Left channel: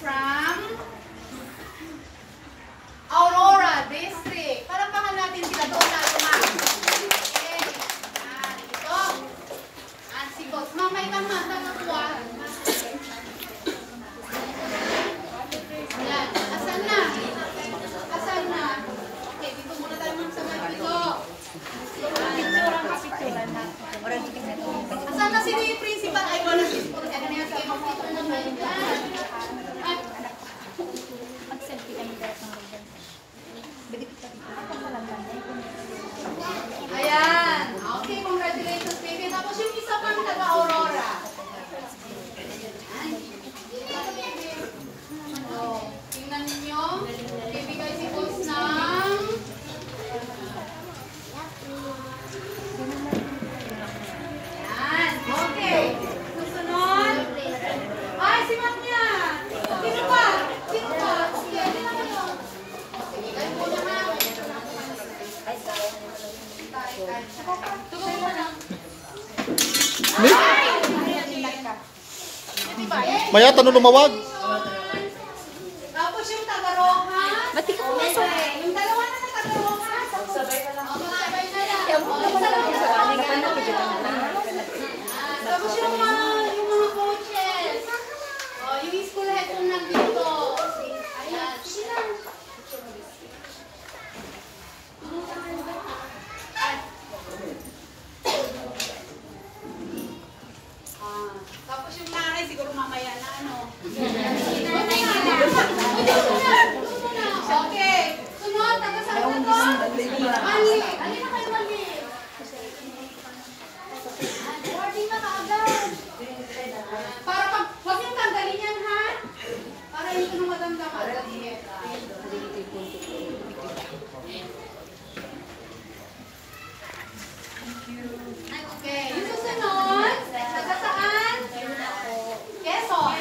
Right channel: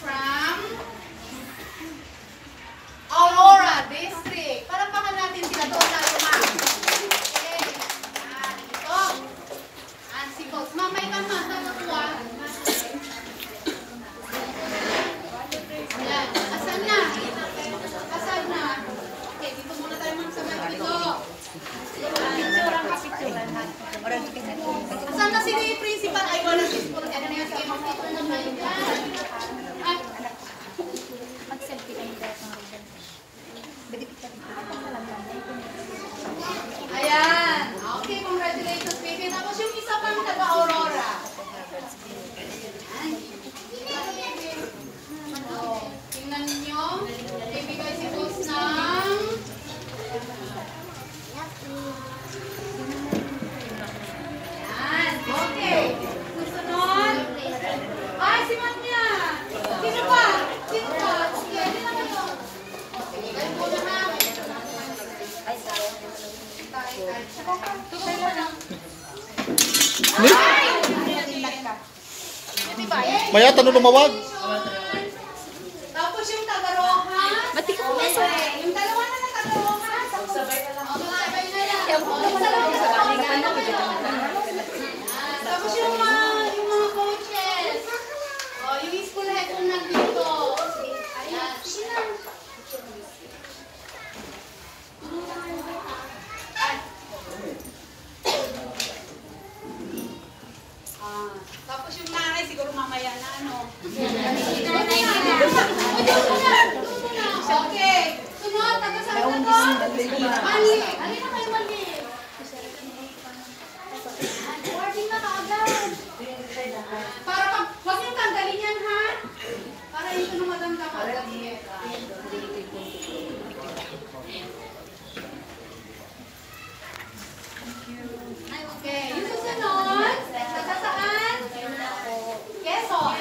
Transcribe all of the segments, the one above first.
from Aurora District. Palakpakan natin sila. Doon tayo, ma'am. Okay. Ito. Si Boss. Mamay ka, ma'am. Nakakuha. Ayan. Asan na? Asan na? Okay. Dito muna tayo magsabay. Dito. Asan na si principal? Ay, wala si school. Ano na yan? Sige, mag-picture na tayo. Mag-selfie kami dahil ng ribbon. Ayan. Okay, congratulations, baby. Tapos yung isa pang taga-Aurora. Tingnan ninyo. Bibigay si Boss ng... Ayan. Okay. Susunod. Ay, si Manya. Sino pa? Sino pa? Sige, ano na kayo? Sige, kayo muna, ma'am. Maya, tanong lumawag. Tapos yung taga-Rojas. Yung dalawa na taga-Rojas. Magsabay na yan. Tapos yung mga coaches. Yung school head ko nandito. Ayan. Tapos yung nanay, siguro mamaya na ano. Okay. Sunod, taga-saan na to? Mali. Alin na kayo mali? Boarding na kaagad. Para pag, huwag yung tanggalin yan, ha? Para hindi ko nung madamdaman. Okay, yung susunod, taga-saan? Quezon.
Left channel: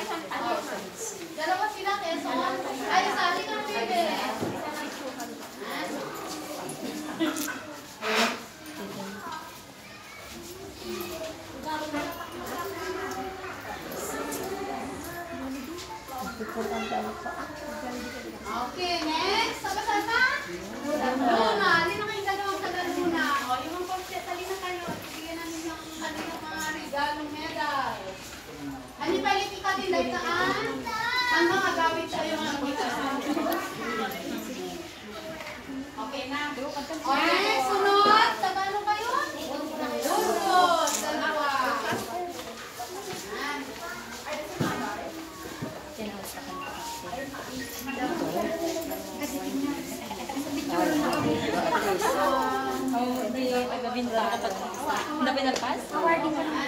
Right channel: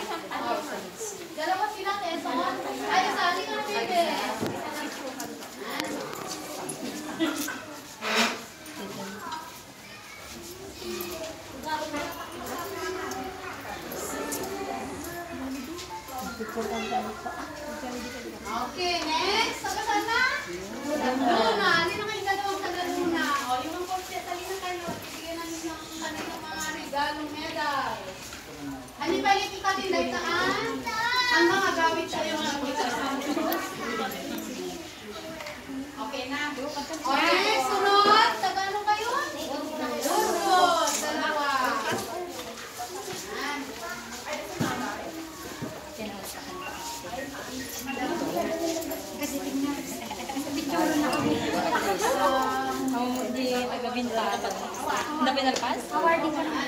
Dalawa sila, Quezon. Ay, sa akin na pwede. Okay, next. Taga-saan na? Luna. Alin na kayo dalawang taga-Luna? O, limang konti. Alin na kayo. Bigyan namin ng kanilang mga regalong medal. Ano pa yung ikatilaytaan? Ang mga gamit sa iyo ng okay na. Okay, sunod. Taga-ano kayo? Sunod. Dalawa. Hindi, taga-bintana. Hindi pinalpas? Awarding ka na.